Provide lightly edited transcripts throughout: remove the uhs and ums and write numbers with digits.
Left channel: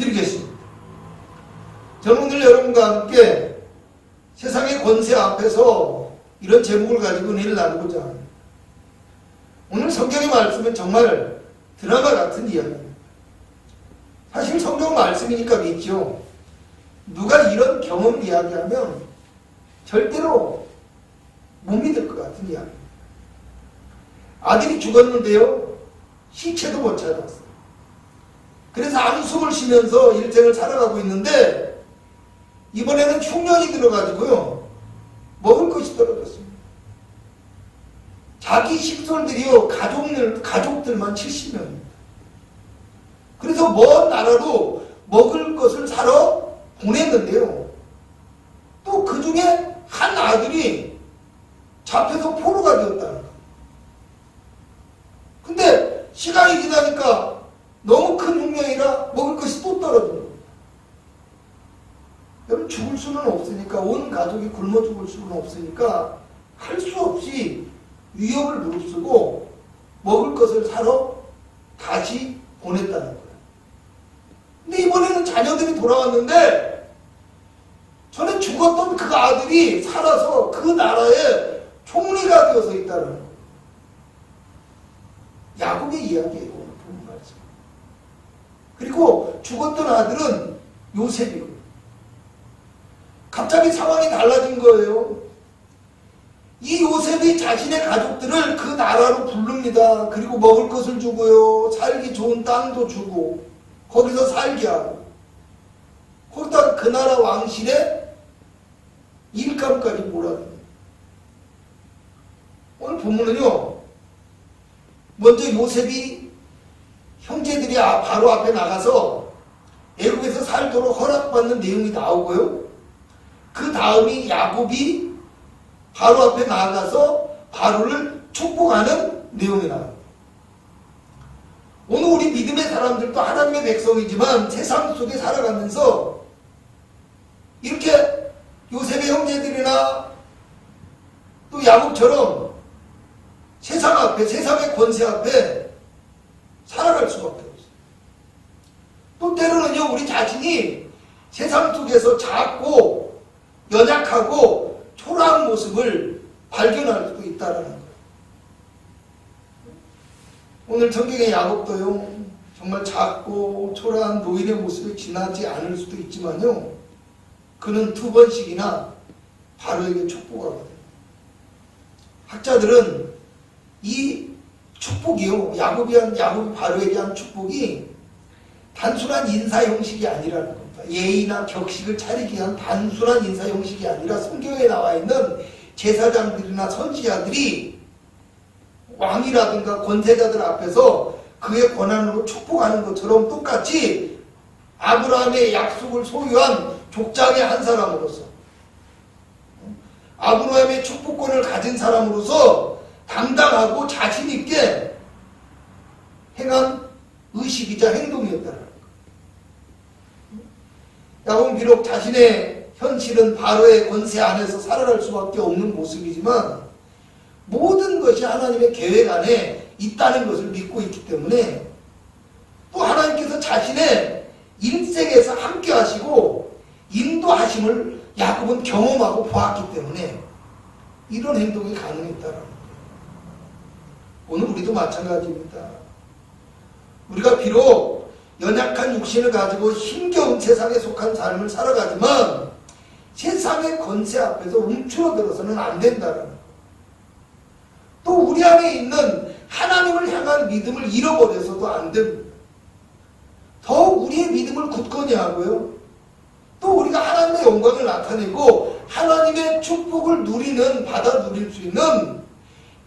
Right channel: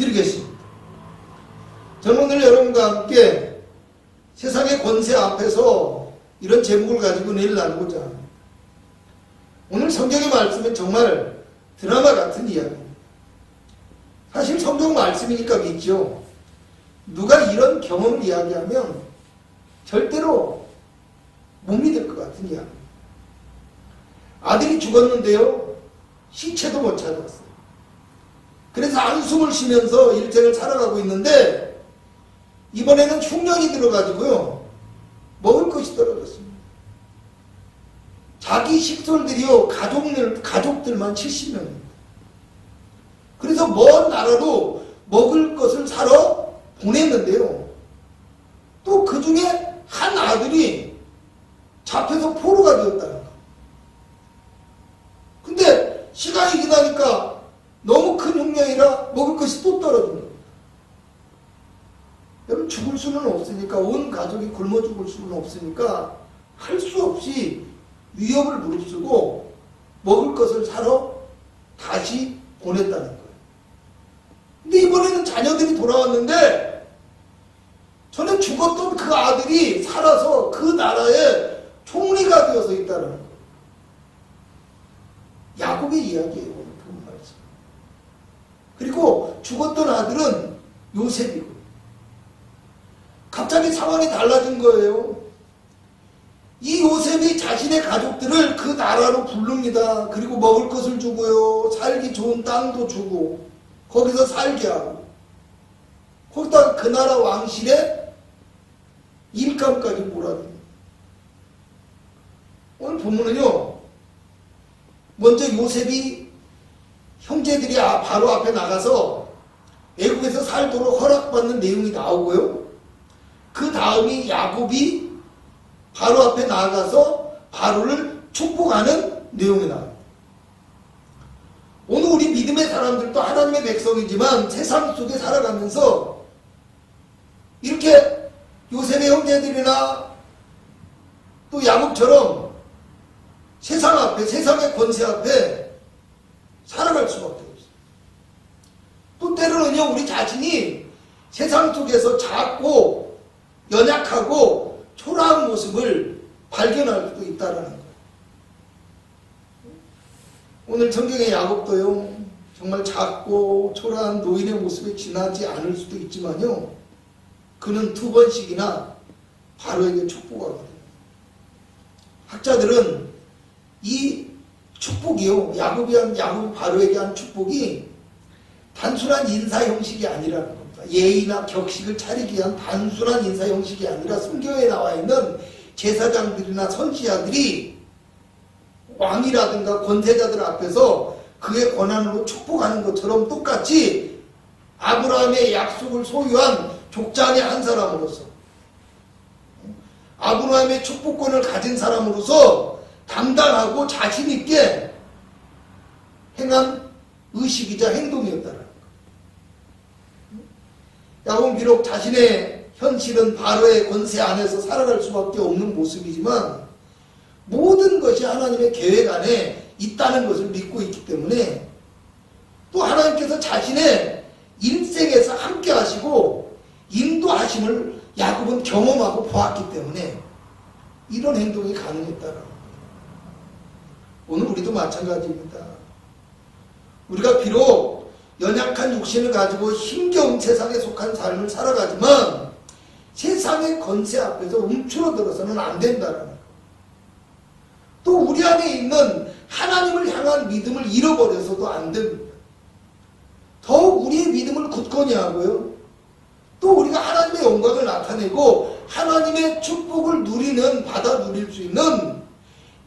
드리겠습니다. 저는 오늘 여러분과 함께 세상의 권세 앞에서 이런 제목을 가지고 내일 나누고자 합니다. 오늘 성경의 말씀은 정말 드라마 같은 이야기입니다. 사실 성경 말씀이니까 믿죠. 누가 이런 경험을 이야기하면 절대로 못 믿을 것 같은 이야기입니다. 아들이 죽었는데요, 시체도 못 찾았어요. 그래서 한숨을 쉬면서 일생을 살아가고 있는데 이번에는 흉년이 들어가지고요, 먹을 것이 떨어졌습니다. 자기 식솔들이요, 가족들만 70명입니다. 그래서 먼 나라로 먹을 것을 사러 보냈는데요, 또 그 중에 한 아들이 잡혀서 포로가 되었다는 거예요. 근데 시간이 지나니까 너무 큰 흉년이라 먹을 것이 또 떨어진 겁니다. 여러분, 죽을 수는 없으니까, 온 가족이 굶어 죽을 수는 없으니까 할 수 없이 위협을 무릅쓰고 먹을 것을 사러 다시 보냈다는 거예요. 근데 이번에는 자녀들이 돌아왔는데 전에 죽었던 그 아들이 살아서 그 나라의 총리가 되어서 있다는 거예요. 야곱의 이야기예요, 오늘 본 말씀. 그리고 죽었던 아들은 요셉이고, 갑자기 상황이 달라진 거예요. 이 요셉이 자신의 가족들을 그 나라로 부릅니다. 그리고 먹을 것을 주고요, 살기 좋은 땅도 주고, 거기서 살게 하고, 거기다가 그 나라 왕실에 일감까지 몰아줍니다. 오늘 본문은요, 먼저 요셉이 형제들이 바로 앞에 나가서 애국에서 살도록 허락받는 내용이 나오고요, 그 다음이 야곱이 바로 앞에 나가서 바로를 축복하는 내용이 나와요. 오늘 우리 믿음의 사람들도 하나님의 백성이지만 세상 속에 살아가면서 이렇게 요셉의 형제들이나 또 야곱처럼 세상 앞에, 세상의 권세 앞에 살아갈 수밖에 없어요. 또 때로는요, 우리 자신이 세상 속에서 작고 연약하고 초라한 모습을 발견할 수도 있다는 거예요. 오늘 성경의 야곱도요, 정말 작고 초라한 노인의 모습에 지나지 않을 수도 있지만요, 그는 2번씩이나 바로에게 축복하거든요. 학자들은 이 축복이요, 야곱이 바로에게 한 축복이 단순한 인사 형식이 아니라는 겁니다. 예의나 격식을 차리기 위한 단순한 인사 형식이 아니라 성경에 나와 있는 제사장들이나 선지자들이 왕이라든가 권세자들 앞에서 그의 권한으로 축복하는 것처럼 똑같이 아브라함의 약속을 소유한 족장의 한 사람으로서, 아브라함의 축복권을 가진 사람으로서 당당하고 자신있게 행한 의식이자 행동이었다는 거예요. 야곱은 비록 자신의 현실은 바로의 권세 안에서 살아갈 수밖에 없는 모습이지만 모든 것이 하나님의 계획 안에 있다는 것을 믿고 있기 때문에, 또 하나님께서 자신의 인생에서 함께 하시고 인도하심을 야곱은 경험하고 보았기 때문에 이런 행동이 가능했다는 거예요. 오늘 우리도 마찬가지입니다. 우리가 비록 연약한 육신을 가지고 힘겨운 세상에 속한 삶을 살아가지만 세상의 권세 앞에서 움츠러들어서는 안 된다는 거예요. 또 우리 안에 있는 하나님을 향한 믿음을 잃어버려서도 안 됩니다. 더욱 우리의 믿음을 굳건히 하고요, 또 우리가 하나님의 영광을 나타내고 하나님의 축복을 받아 누릴 수 있는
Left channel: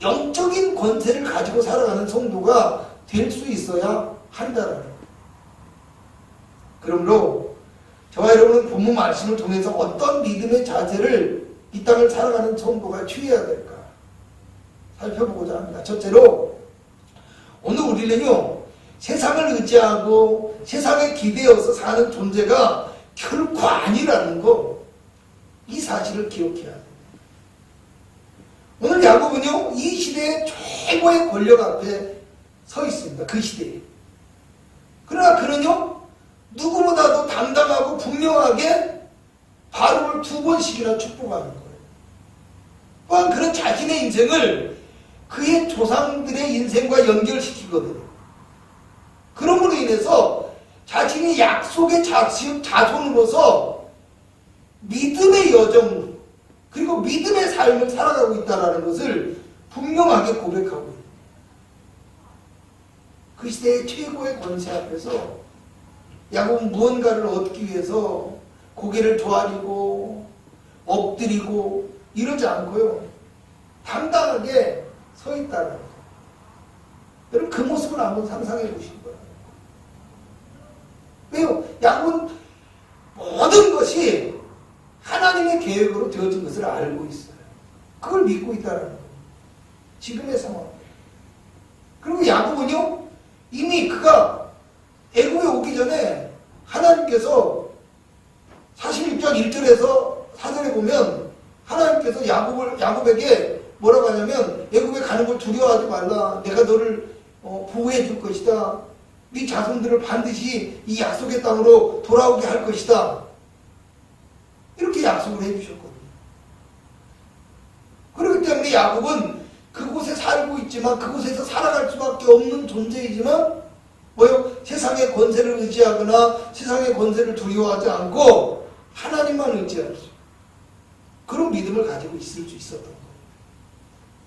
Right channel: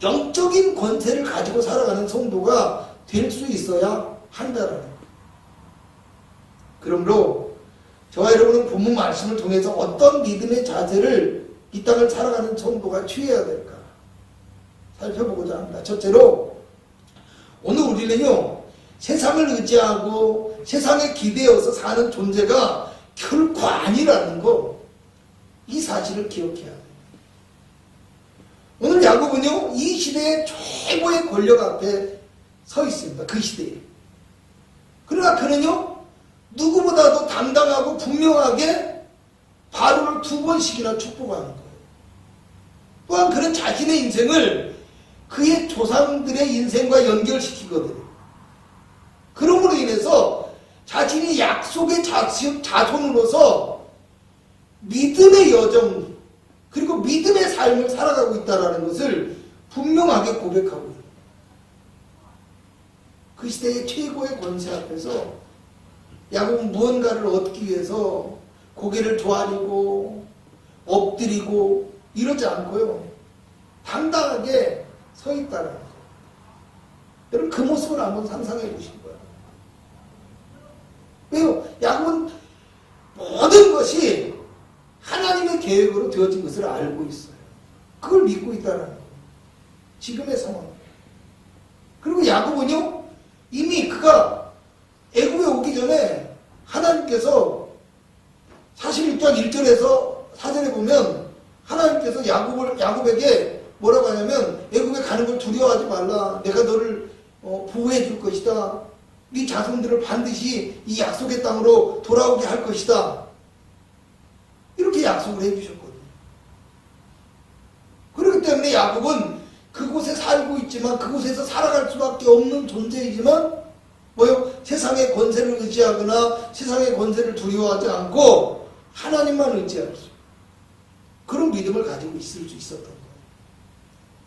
영적인 권세를 가지고 살아가는 성도가 될 수 있어야 한다는 거예요. 그러므로 저와 여러분은 본문 말씀을 통해서 어떤 믿음의 자세를 이 땅을 살아가는 성도가 취해야 될까 살펴보고자 합니다. 첫째로, 오늘 우리는요, 세상을 의지하고 세상에 기대어서 사는 존재가 결코 아니라는 거, 이 사실을 기억해야 돼요. 오늘 야곱은요, 이 시대의 최고의 권력 앞에 서 있습니다. 그 시대에. 그러나 그는요, 누구보다도 당당하고 분명하게 바로를 2번씩이나 축복하는 거예요. 또한 그런 자신의 인생을 그의 조상들의 인생과 연결시키거든요. 그럼으로 인해서 자신이 약속의 자손으로서 믿음의 여정 그리고 믿음의 삶을 살아가고 있다는 것을 분명하게 고백하고 있어요. 그 시대의 최고의 권세 앞에서 야곱은 무언가를 얻기 위해서 고개를 조아리고 엎드리고 이러지 않고요. 당당하게 서 있다는 거. 여러분 그 모습을 한번 상상해 보신 거예요. 왜요? 야곱은 모든 것이 하나님의 계획으로 되어진 것을 알고 있어요. 그걸 믿고 있다는 거예요. 지금의 상황. 그리고 야곱은요. 이미 그가 애굽에 오기 전에 하나님께서 41장 1절에서 4절에 보면 하나님께서 야곱에게 뭐라고 하냐면 애굽에 가는 걸 두려워하지 말라. 내가 너를 보호해 줄 것이다. 네 자손들을 반드시 이 약속의 땅으로 돌아오게 할 것이다. 이렇게 약속을 해주셨거든요. 그렇기 때문에 야곱은 그곳에 살고 있지만 그곳에서 살아갈 수밖에 없는 존재이지만 뭐요? 세상의 권세를 의지하거나 세상의 권세를 두려워하지 않고 하나님만 의지할 수 그런 믿음을 가지고 있을 수 있었던 거예요.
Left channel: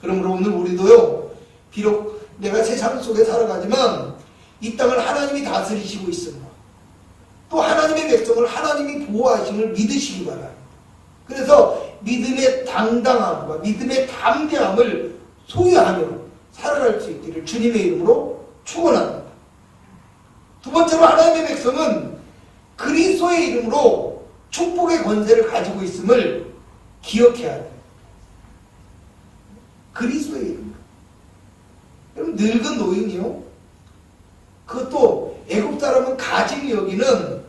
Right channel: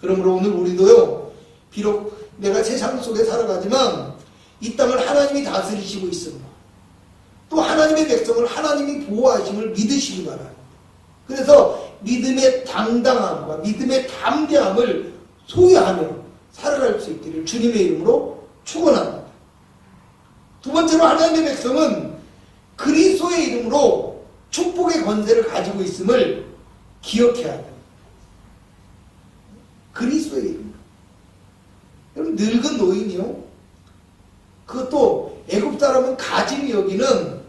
그러므로 오늘 우리도요. 비록 내가 세상 속에 살아가지만 이 땅을 하나님이 다스리시고 있습니다. 또 하나님의 백성을 하나님이 보호하심을 믿으시기 바랍니다. 그래서 믿음의 당당함과 믿음의 담대함을 소유하며 살아갈 수 있기를 주님의 이름으로 축원합니다. 두 번째로 하나님의 백성은 그리스도의 이름으로 축복의 권세를 가지고 있음을 기억해야 돼요. 그리스도의 이름. 여러분 늙은 노인이요. 그것도 애굽 사람은 가짐이 여기는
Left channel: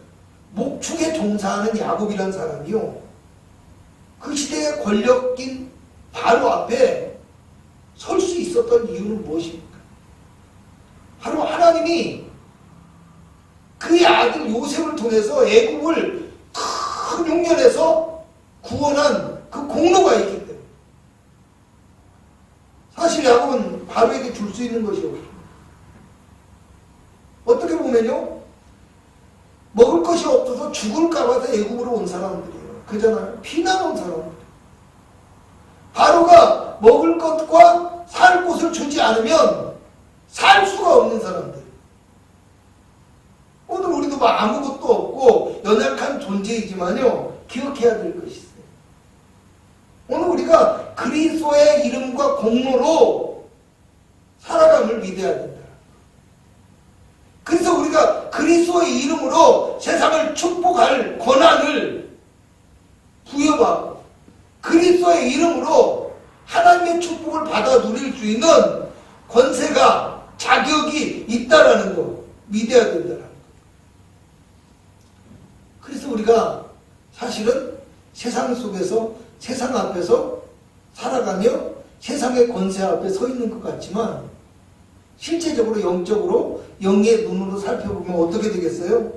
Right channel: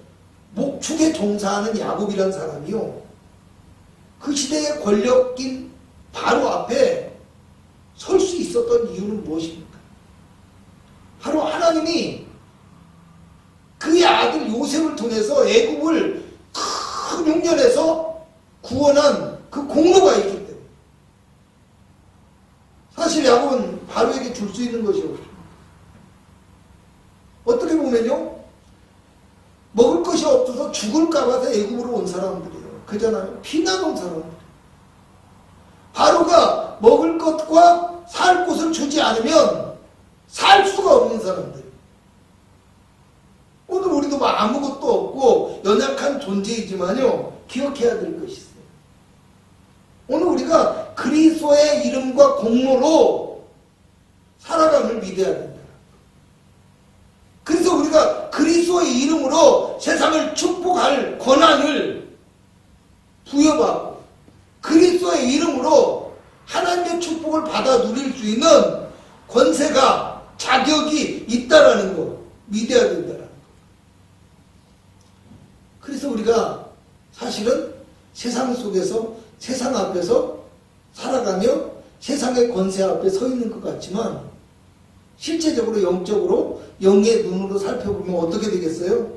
목축에 종사하는 야곱이라는 사람이요. 그 시대의 권력인 바로 앞에 설 수 있었던 이유는 무엇입니까? 바로 하나님이 그의 아들 요셉을 통해서 애굽을 큰 흉년에서 구원한 그 공로가 있기 때문에 사실 야곱은 바로에게 줄 수 있는 것이 없습니다. 어떻게 보면요. 먹을 것이 없어서 죽을까 봐서 애굽으로 온 사람들이에요. 그잖아요. 피난 온 사람들. 바로가 먹을 것과 살 곳을 주지 않으면 살 수가 없는 사람들. 오늘 우리도 막 아무것도 없고 연약한 존재이지만요. 기억해야 될 것이 있어요. 오늘 우리가 그리스도의 이름과 공로로 살아감을 믿어야 된다. 그래서 우리가 그리스도의 이름으로 세상을 축복할 권한을 부여받고 그리스도의 이름으로 하나님의 축복을 받아 누릴 수 있는 권세가 자격이 있다라는 거 믿어야 된다라는 거. 그래서 우리가 사실은 세상 속에서 세상 앞에서 살아가며 세상의 권세 앞에 서 있는 것 같지만 실제적으로 영적으로 영의 눈으로 살펴보면 어떻게 되겠어요?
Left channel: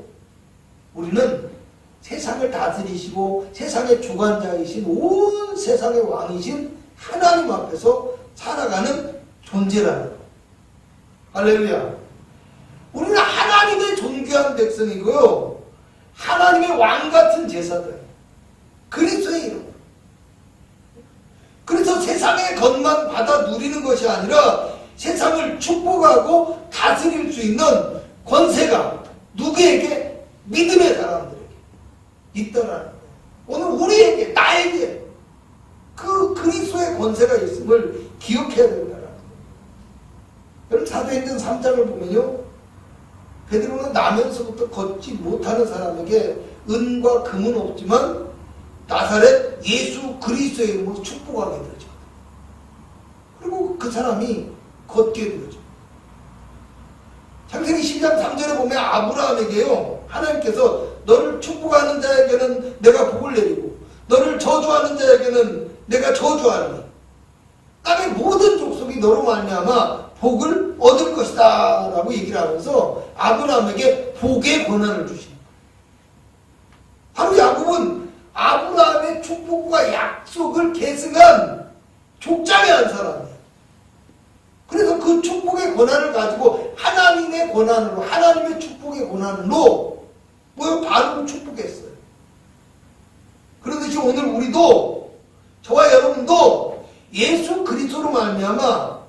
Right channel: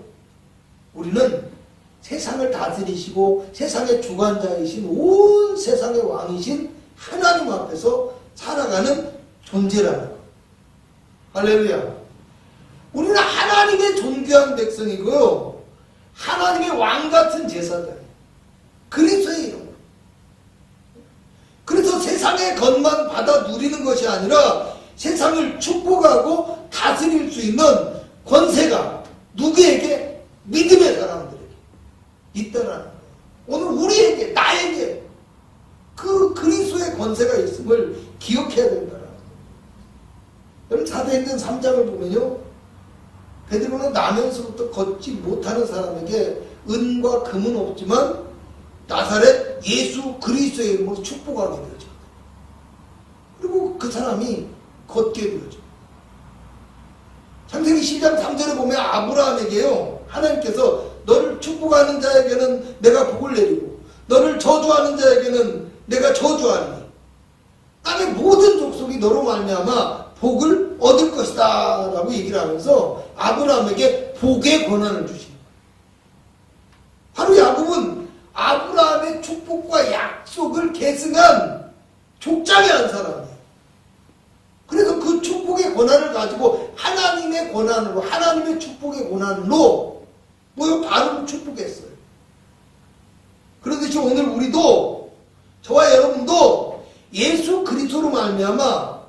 우리는 세상을 다스리시고 세상의 주관자이신 온 세상의 왕이신 하나님 앞에서 살아가는 존재라는 거. 할렐루야. 우리는 하나님의 존귀한 백성이고요. 하나님의 왕 같은 제사장. 그리스도의 이름. 그래서 세상의 것만 받아 누리는 것이 아니라 세상을 축복하고 다스릴 수 있는 권세가 누구에게? 믿음의 사람들에게 있다라는 거예요. 오늘 우리에게, 나에게 그 그리스도의 권세가 있음을 기억해야 된다라는 거예요. 여러분 사도행전 3장을 보면요. 베드로는 나면서부터 걷지 못하는 사람에게 은과 금은 없지만 나사렛 예수 그리스도의 이름으로 축복하게 되죠. 그리고 그 사람이 걷게 되죠. 창세기 10장 3절에 보면 아브라함에게요. 하나님께서 너를 축복하는 자에게는 내가 복을 내리고 너를 저주하는 자에게는 내가 저주하리니 땅의 모든 족속이 너로 말미암아 복을 얻을 것이다 라고 얘기를 하면서 아브라함에게 복의 권한을 주십니다. 아브라함의 축복과 약속을 계승한 족장의 한 사람이에요. 그래서 그 축복의 권한을 가지고 하나님의 권한으로, 하나님의 축복의 권한으로 바로를 축복했어요. 그러듯이 오늘 우리도, 저와 여러분도 예수 그리스도로 말미암아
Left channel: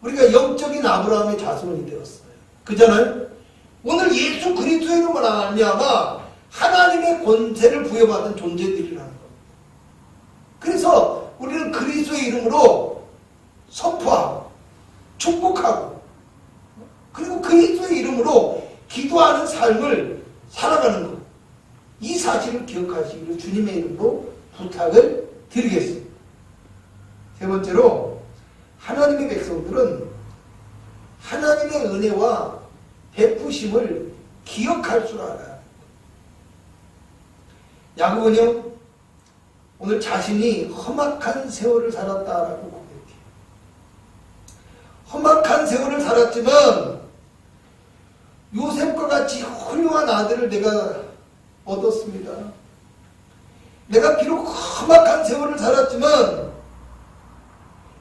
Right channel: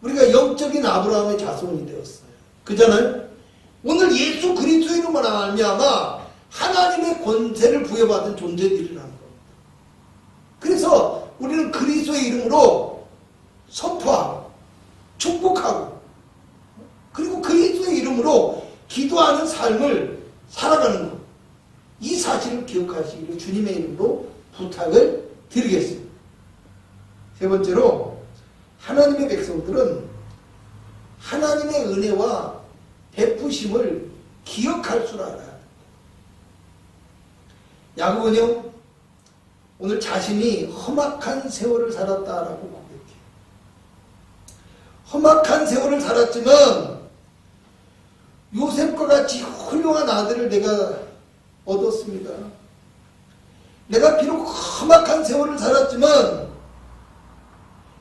우리가 영적인 아브라함의 자손이 되었어요. 그잖아요. 오늘 예수 그리스도로 말미암아 하나님의 권세를 부여받은 존재들이라는 겁니다. 그래서 우리는 그리스도의 이름으로 선포하고 축복하고 그리고 그리스도의 이름으로 기도하는 삶을 살아가는 것. 이 사실을 기억하시기를 주님의 이름으로 부탁을 드리겠습니다. 세 번째로 하나님의 백성들은 하나님의 은혜와 베푸심을 기억할 줄 알아요. 야고보는요, 오늘 자신이 험악한 세월을 살았다라고 고백해요. 험악한 세월을 살았지만 요셉과 같이 훌륭한 아들을 내가 얻었습니다. 내가 비록 험악한 세월을 살았지만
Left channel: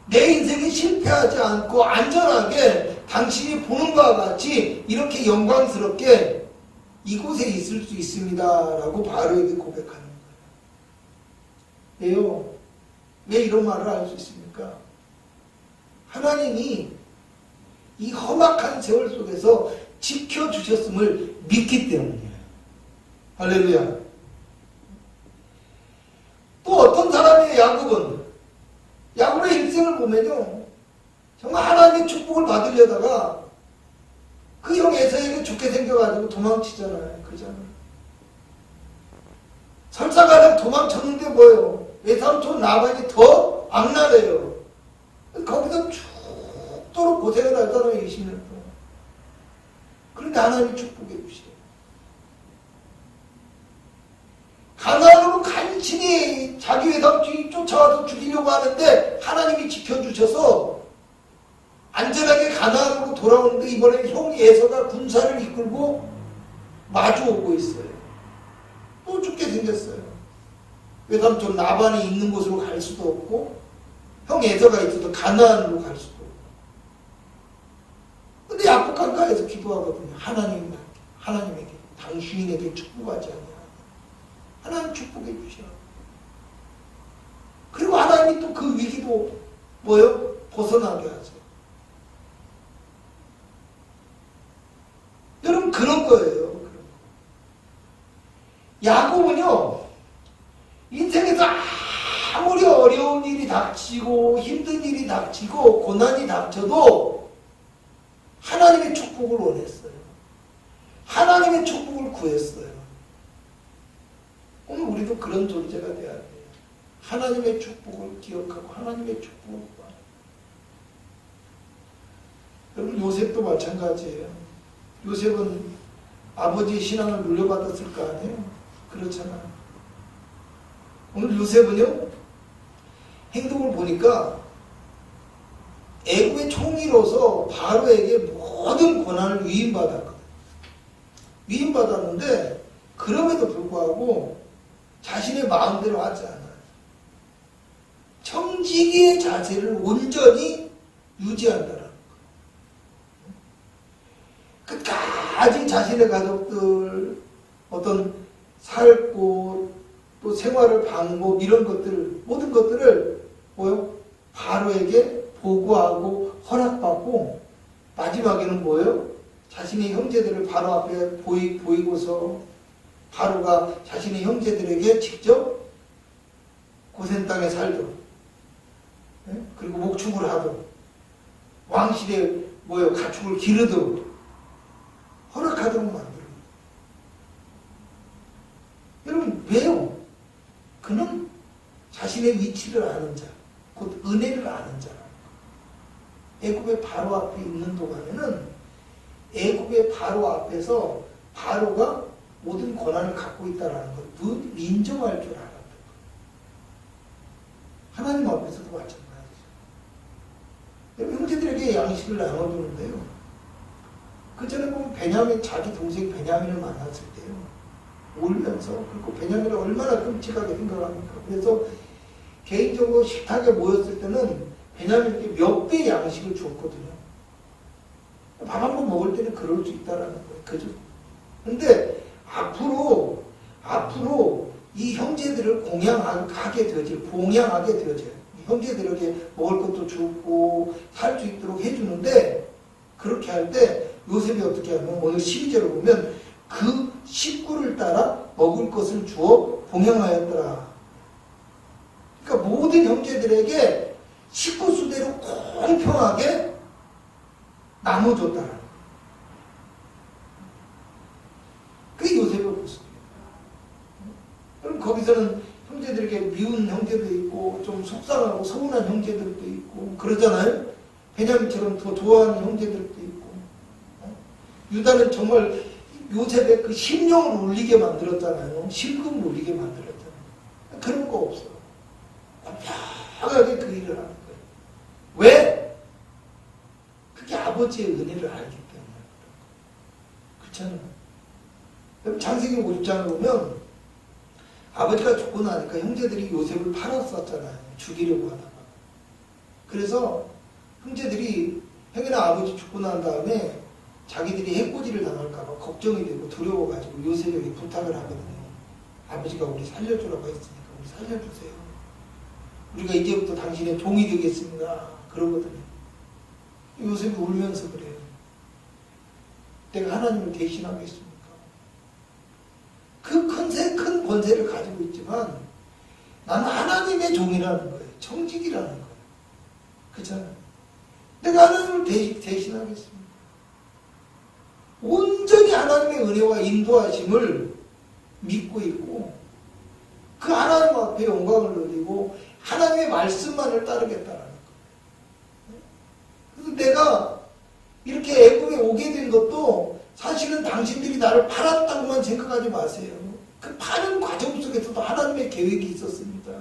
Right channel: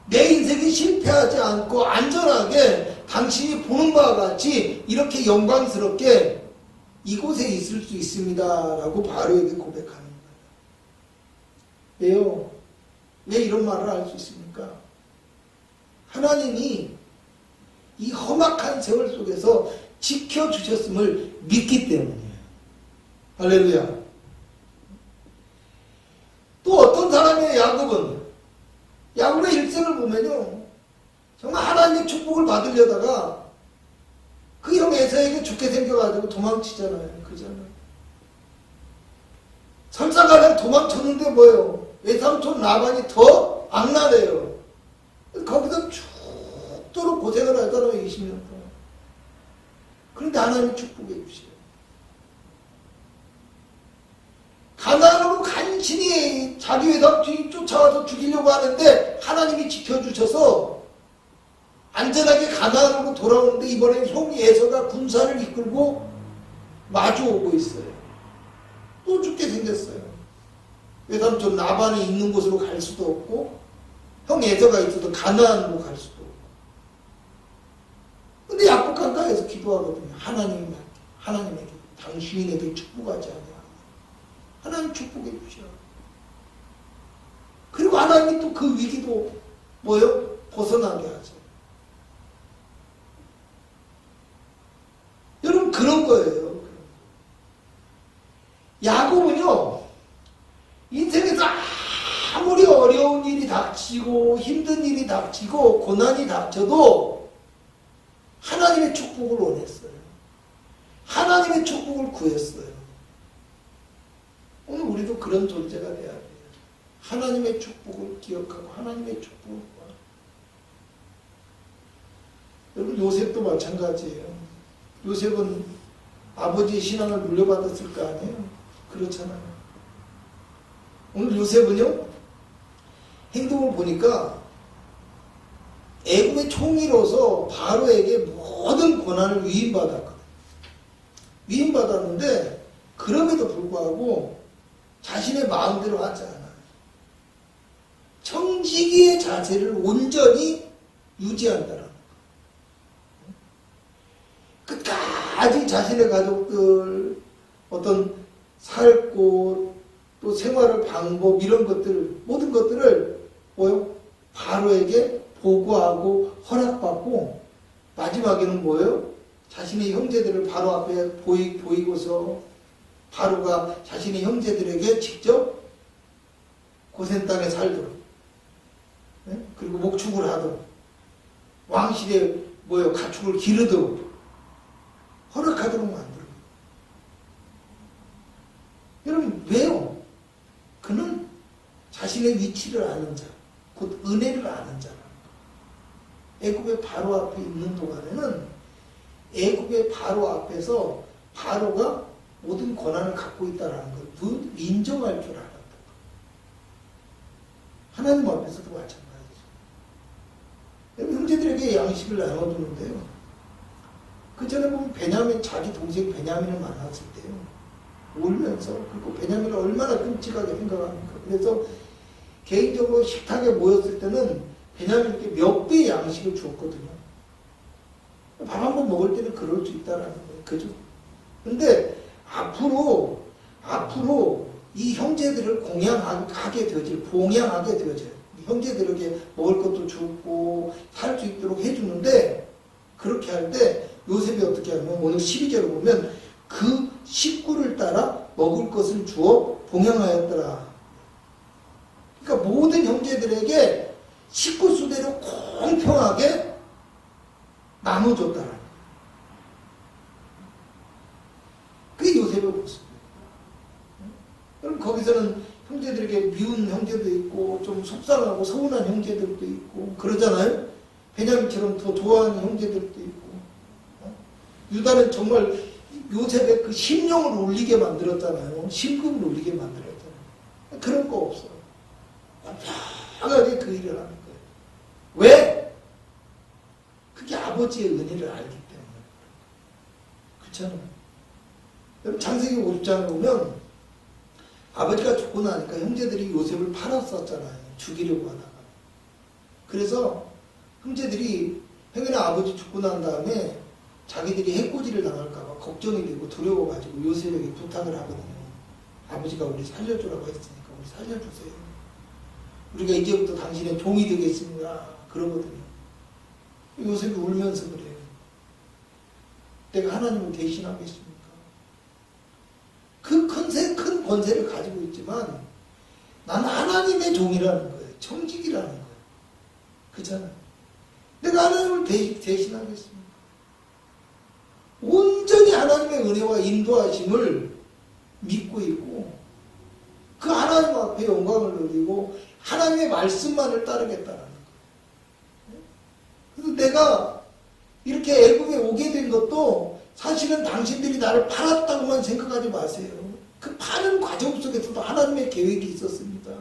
내 인생이 실패하지 않고 안전하게 당신이 보는 바와 같이 이렇게 영광스럽게 이곳에 있을 수 있습니다. 라고 바로에게 고백하는 거예요. 왜요? 왜 이런 말을 할 수 있습니까? 하나님이 이 험악한 세월 속에서 지켜주셨음을 믿기 때문이에요. 할렐루야. 또 어떤 사람이에요, 야곱은? 야곱의 일생을 보면요, 정말 하나님의 축복을 받으려다가 그 형 에사에게 죽게 생겨가지고 도망치잖아요. 그잖아요. 설사가량 도망쳤는데 뭐예요? 외삼촌 라반이 더 악랄해요. 거기서 죽도록 고생을 하잖아요. 20년 동안. 그런데 하나님이 축복해 주셔요. 가나안으로 간신히 자기 외삼촌이 쫓아와서 죽이려고 하는데 하나님이 지켜주셔서 안전하게 가나안으로 돌아오는데 이번에 형 에서가 군사를 이끌고 마주오고 있어요. 또 죽게 생겼어요. 외삼촌 라반이 있는 곳으로 갈 수도 없고 형 에서가 있어도 가나안으로 갈 수도 없고. 근데 야곱 강가에서 기도하거든요. 하나님에게 당신에게 축복하지 않냐. 하나님 축복해 주셔. 그리고 하나님이 또 그 위기도 뭐요? 벗어나게 하죠. 여러분 그런 거예요. 그런 거. 야곱은요, 인생에서 아무리 어려운 일이 닥치고 힘든 일이 닥치고 고난이 닥쳐도 하나님의 축복을 원했어요. 하나님의 축복을 구했어요. 오늘 우리도 그런 존재가 돼야 돼요. 하나님의 축복을 기억하고 하나님의 축복을 구하고. 여러분 요셉도 마찬가지예요. 요셉은 아버지의 신앙을 물려받았을 거 아니에요? 그렇잖아요. 오늘 요셉은요, 행동을 보니까 애굽의 총리로서 바로에게 모든 권한을 위임받았거든요. 위임받았는데 그럼에도 불구하고 자신의 마음대로 하지 않아요. 청지기의 자세를 온전히 유지한다는 거예요. 끝까지 자신의 가족들 어떤 살 곳, 또 생활의 방법 이런 것들 모든 것들을 뭐요? 바로에게 보고하고 허락받고 마지막에는 뭐예요? 자신의 형제들을 바로 앞에 보이고서 바로가 자신의 형제들에게 직접 고센 땅에 살도록, 그리고 목축을 하도록, 왕실에 가축을 기르도록 허락하도록 만들어요. 여러분 왜요? 그는 자신의 위치를 아는 자, 곧 은혜를 아는 자라는 거예요. 애굽의 바로 앞에 있는 동안에는 애굽의 바로 앞에서 바로가 모든 권한을 갖고 있다는 걸 인정할 줄 알았던 거예요. 하나님 앞에서도 마찬가지죠. 여러분 형제들에게 양식을 나눠주는데요. 그 전에 보면 베냐민, 자기 동생 베냐민을 만났을 때요. 울면서, 그리고 베냐민을 얼마나 끔찍하게 생각합니까? 그래서 개인적으로 식탁에 모였을 때는 베냐민에게 몇 배 양식을 주었거든요. 밥 한 번 먹을 때는 그럴 수 있다라는 거예요. 그죠? 근데 앞으로 이 형제들을 공양하게 되어져요. 봉양하게 되어져요. 형제들에게 먹을 것도 주고 살 수 있도록 해주는데, 그렇게 할 때 요셉이 어떻게 하면 오늘 12절을 보면 그 식구를 따라 먹을 것을 주어 봉양하였더라. 그러니까 모든 형제들에게 식구 수대로 공평하게 나눠줬다라는 거예요. 그게 요셉의 모습이에요. 그럼 거기서는 형제들에게 미운 형제도 있고 좀 속상하고 서운한 형제들도 있고 그러잖아요. 베냐민처럼 더 좋아하는 형제들도 있고. 유다는 정말 요셉의 그 심령을 울리게 만들었잖아요. 심금을 울리게 만들었잖아요. 그런 거 없어. 완벽하게 그 일을 하는 거예요. 왜? 그게 아버지의 은혜를 알기 때문에. 그렇잖아요. 여러분 창세기 50장을 보면 아버지가 죽고 나니까 형제들이 요셉을 팔았었잖아요. 죽이려고 하다가. 그래서 형제들이 형이나 아버지 죽고 난 다음에 자기들이 해코지를 당할까봐 걱정이 되고 두려워가지고 요셉에게 부탁을 하거든요. 아버지가 우리 살려주라고 했으니까 우리 살려주세요. 우리가 이제부터 당신의 종이 되겠습니다. 그러거든요. 요셉이 울면서 그래요. 내가 하나님을 대신하겠습니까? 그 큰 권세를 가지고 있지만 나는 하나님의 종이라는 거예요. 청직이라는 거예요. 그렇잖아요. 내가 하나님을 대신하겠습니다. 온전히 하나님의 은혜와 인도하심을 믿고 있고 그 하나님 앞에 영광을 누리고 하나님의 말씀만을 따르겠다는 거예요. 그래서 내가 이렇게 애국에 오게 된 것도 사실은 당신들이 나를 팔았다고만 생각하지 마세요. 그 파는 과정 속에서도 하나님의 계획이 있었습니다.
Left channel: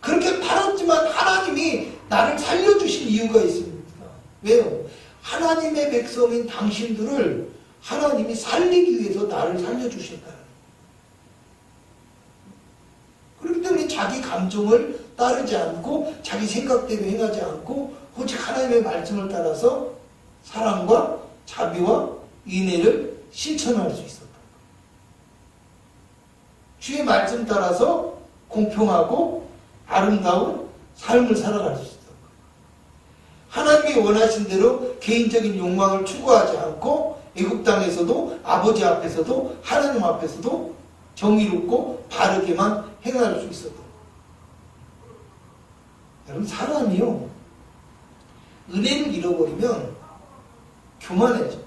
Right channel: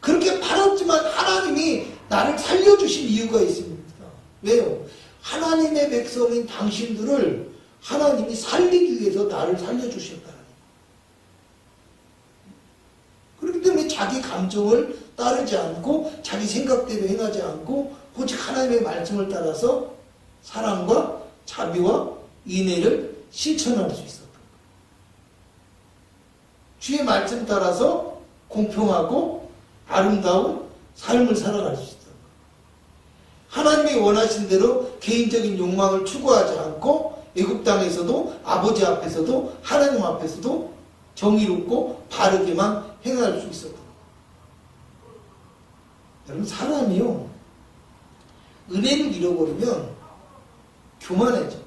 그렇게 팔았지만 하나님이 나를 살려주신 이유가 있습니다. 왜요? 하나님의 백성인 당신들을 하나님이 살리기 위해서 나를 살려주셨다. 그렇기 때문에 자기 감정을 따르지 않고 자기 생각대로 행하지 않고 오직 하나님의 말씀을 따라서 사랑과 자비와 인애를 실천할 수 있었다. 주의 말씀 따라서 공평하고 아름다운 삶을 살아갈 수 있었다. 하나님이 원하신 대로 개인적인 욕망을 추구하지 않고 애굽 땅에서도 아버지 앞에서도 하나님 앞에서도 정의롭고 바르게만 행할 수 있었다. 여러분 사람이요 은혜를 잃어버리면 교만해져.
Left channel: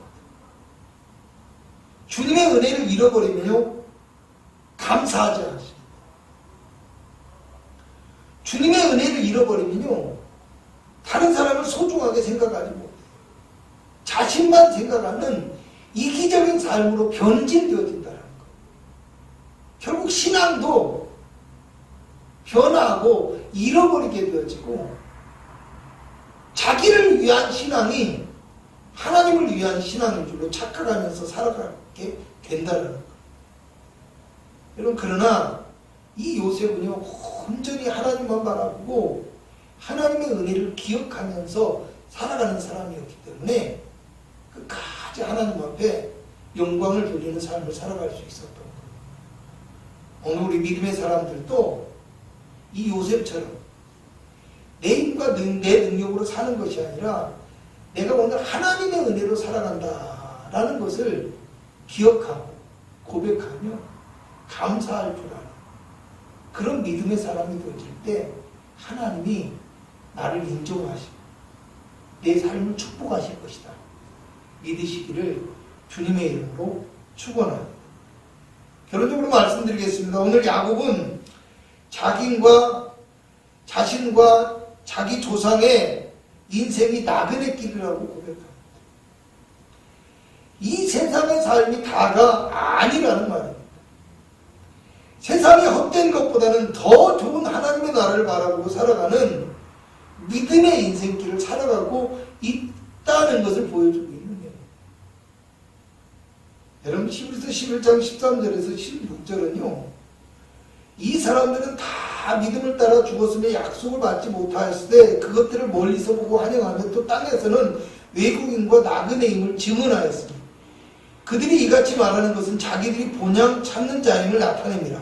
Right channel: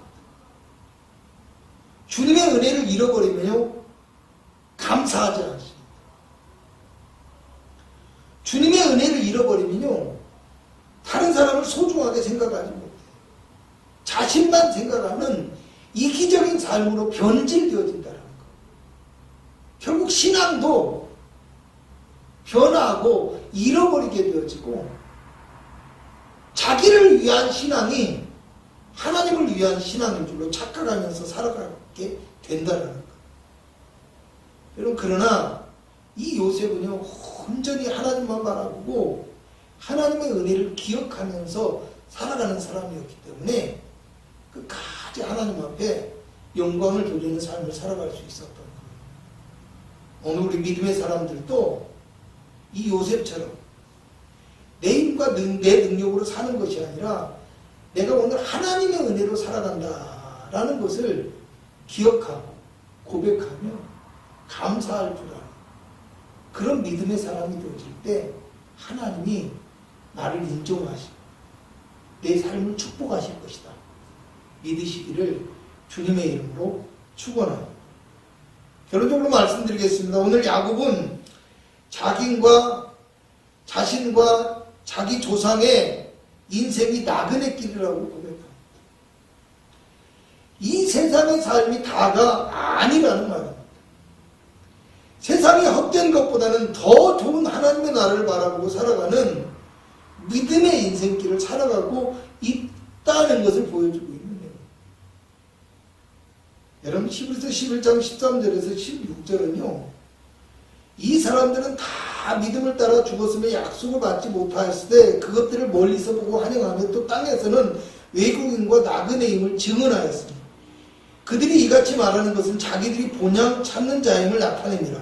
주님의 은혜를 잃어버리면요 감사하지 않습니다. 주님의 은혜를 잃어버리면요 다른 사람을 소중하게 생각하지 못해요. 자신만 생각하는 이기적인 삶으로 변질되어진다는 거. 결국 신앙도 변하고 잃어버리게 되어지고 자기를 위한 신앙이 하나님을 위한 신앙인 줄로 착각하면서 살아가게 된다는 거. 여러분 그러나 이 요셉은요 온전히 하나님만 바라보고 하나님의 은혜를 기억하면서 살아가는 사람이었기 때문에 끝까지 하나님 앞에 영광을 돌리는 삶을 살아갈 수 있었던 거예요. 오늘 우리 믿음의 사람들도 이 요셉처럼 내 힘과 내 능력으로 사는 것이 아니라 내가 오늘 하나님의 은혜로 살아간다라는 것을 기억하고 고백하며 감사할 줄 아는 그런 믿음의 사람이 되어질 때 하나님이 나를 인정하시고 내 삶을 축복하실 것이다. 믿으시기를 주님의 이름으로 축원합니다. 결론적으로 말씀드리겠습니다. 오늘 야곱은 자신과 자기 조상의 인생이 나그네 길이라고 고백합니다. 이 세상의 삶이 다가 아니라는 말입니다. 세상에 헛된 것보다는 더 좋은 하나님의 나라를 바라보고 살아가는 믿음의 인생길을 살아가고 있다는 것을 보여주고 있는 거예요. 여러분 히브리서 11장 13절에서 16절은요. 이 사람들은 다 믿음을 따라 죽었으며 약속을 받지 못하였을 때 그것들을 멀리서 보고 환영하며 또 땅에서는 외국인과 나그네임을 증언하였습니다. 그들이 이같이 말하는 것은 자기들이 본향 찾는 자임을 나타냅니다.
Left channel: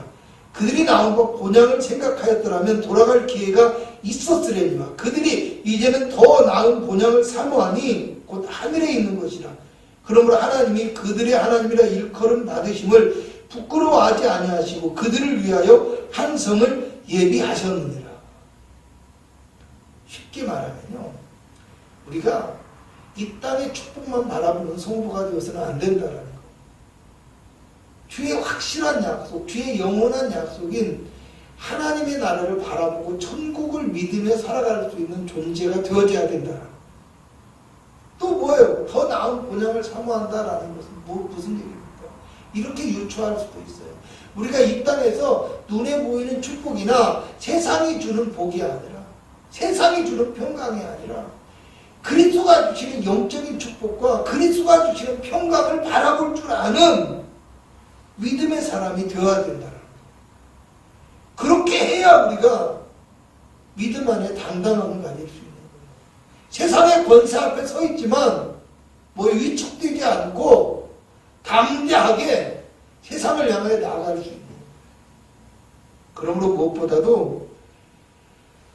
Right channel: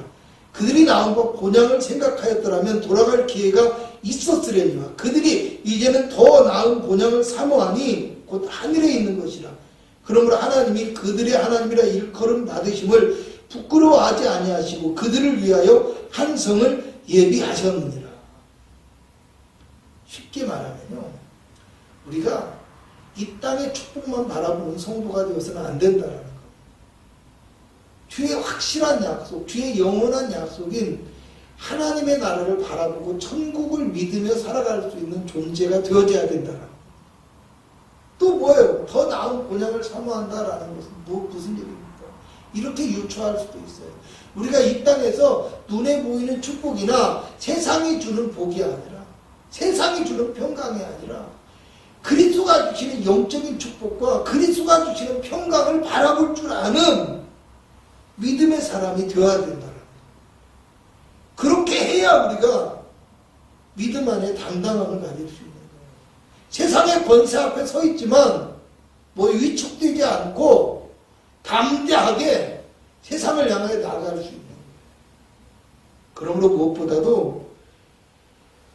그들이 나온 것 본향을 생각하였더라면 돌아갈 기회가 있었으려니와 그들이 이제는 더 나은 본향을 사모하니 곧 하늘에 있는 것이라. 그러므로 하나님이 그들의 하나님이라 일컬음 받으심을 부끄러워하지 아니하시고 그들을 위하여 한 성을 예비하셨느니라. 쉽게 말하면요. 우리가 이 땅의 축복만 바라보는 성도가 되어서는 안 된다는 거. 뒤에 확실한 약속, 뒤에 영원한 약속인 하나님의 나라를 바라보고 천국을 믿으며 살아갈 수 있는 존재가 되어져야 된다. 또 뭐예요? 더 나은 본향을 사모한다라는 것은 무슨 얘기입니까? 이렇게 유추할 수도 있어요. 우리가 이 땅에서 눈에 보이는 축복이나 세상이 주는 복이 아니라 세상이 주는 평강이 아니라 그리스도가 주시는 영적인 축복과 그리스도가 주시는 평강을 바라볼 줄 아는 믿음의 사람이 되어야 된다. 그렇게 해야 우리가 믿음 안에 당당함을 가질 수 있는 거예요. 세상의 권세 앞에 서 있지만 뭐 위축되지 않고 담대하게 세상을 향해 나아갈 수 있는 거예요. 그러므로 무엇보다도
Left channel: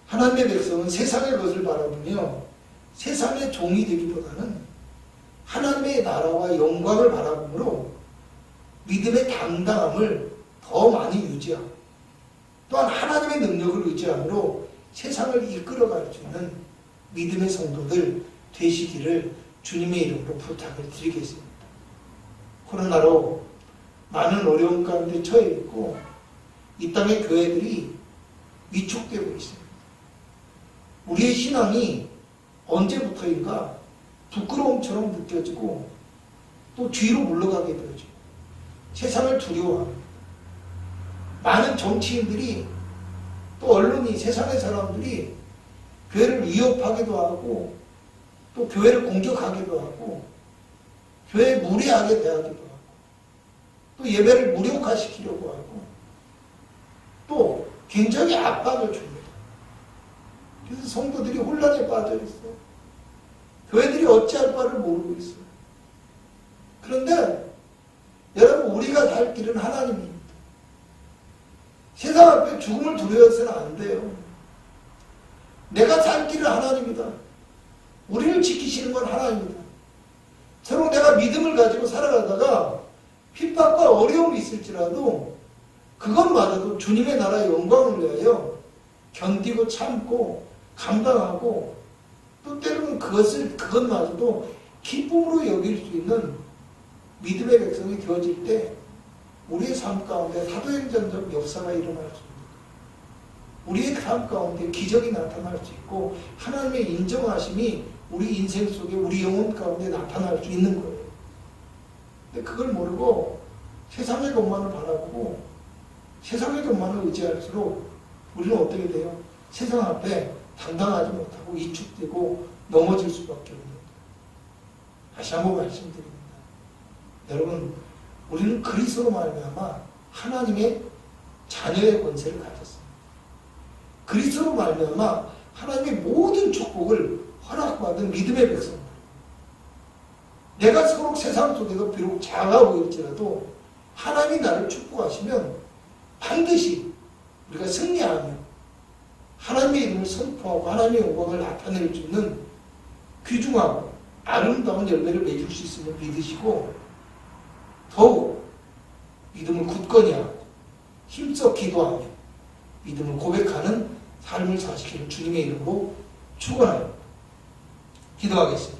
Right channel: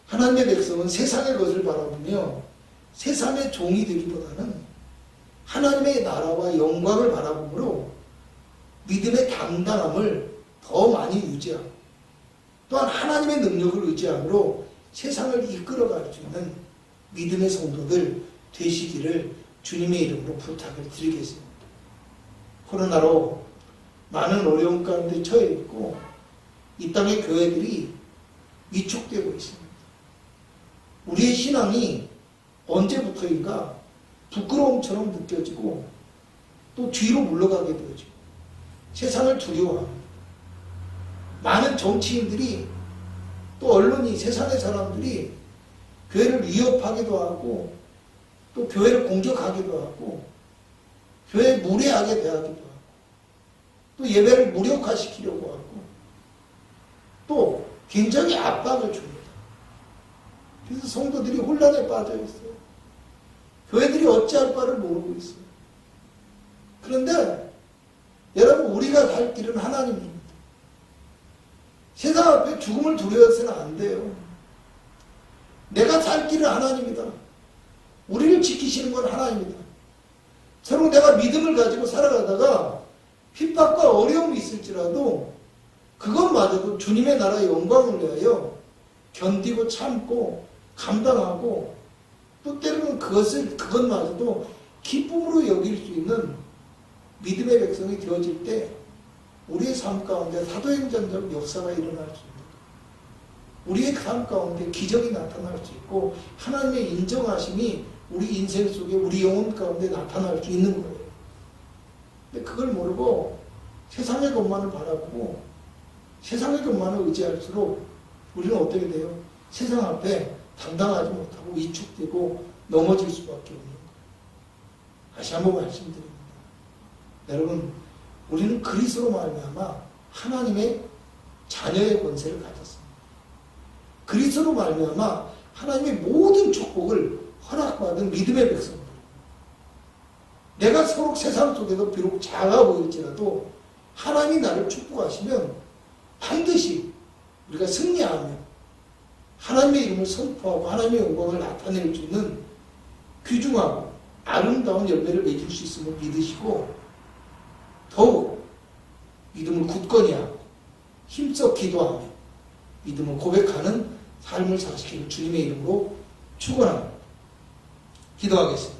하나님의 백성은 세상의 것을 바라보며 세상의 종이 되기보다는 하나님의 나라와 영광을 바라보므로 믿음의 당당함을 더 많이 유지하고 또한 하나님의 능력을 의지함으로 세상을 이끌어갈 수 있는 믿음의 성도들 되시기를 주님의 이름으로 부탁을 드리겠습니다. 코로나로 많은 어려움 가운데 처해 있고 이 땅의 교회들이 위축되고 있습니다. 우리의 신앙이 언제부터인가 부끄러움처럼 느껴지고 또 뒤로 물러가게 되어지고 세상을 두려워합니다. 많은 정치인들이 또 언론이 세상의 사람들이 교회를 위협하기도 하고 또 교회를 공격하기도 하고 교회에 무례하게 대하기도 하고 또 예배를 무력화시키려고 하고 또 굉장히 압박을 줍니다. 그래서 성도들이 혼란에 빠져 있어요. 교회들이 어찌할 바를 모르고 있어요. 그런데 여러분 우리가 갈 길은 하나님입니다. 세상 앞에 죽음을 두려워서는 안 돼요. 내가 살 길은 하나님이다. 우리를 지키시는 건 하나님이다. 서로 내가 믿음을 가지고 살아가다가 핍박과 어려움이 있을지라도 그것마저도 주님의 나라의 영광을 위하여 견디고 참고 감당하고 또 때로는 그것마저도 기쁨으로 여길 수 있는 믿음의 백성이 되어질 때 우리의 삶 가운데 사도행전적 역사가 일어날 수 있는 거예요. 우리의 삶 가운데 기적이 나타날 수 있고 하나님의 인정하심이 우리 인생 속에 우리 영혼 가운데 나타날 수 있는 거예요. 근데 그걸 모르고 세상의 것만을 바라보고 세상의 것만을 의지할수록 우리는 어떻게 돼요? 세상 앞에 당당하지 못하고 위축되고 넘어질 수밖에 없는 거예요. 다시 한번 말씀드립니다. 여러분, 우리는 그리스도로 말미암아 하나님의 자녀의 권세를 가졌습니다. 그리스도로 말미암아 하나님의 모든 축복을 허락받은 믿음의 백성들. 내가 서로 세상 속에서 비록 작아 보일지라도 하나님이 나를 축복하시면 반드시 우리가 승리하며 하나님의 이름을 선포하고 하나님의 영광을 나타낼 수 있는 귀중하고 아름다운 열매를 맺을 수 있음을 믿으시고 더욱 믿음을 굳건히 하고 힘써 기도하며 믿음을 고백하는 삶을 사시기를 주님의 이름으로 축원합니다. 기도하겠습니다.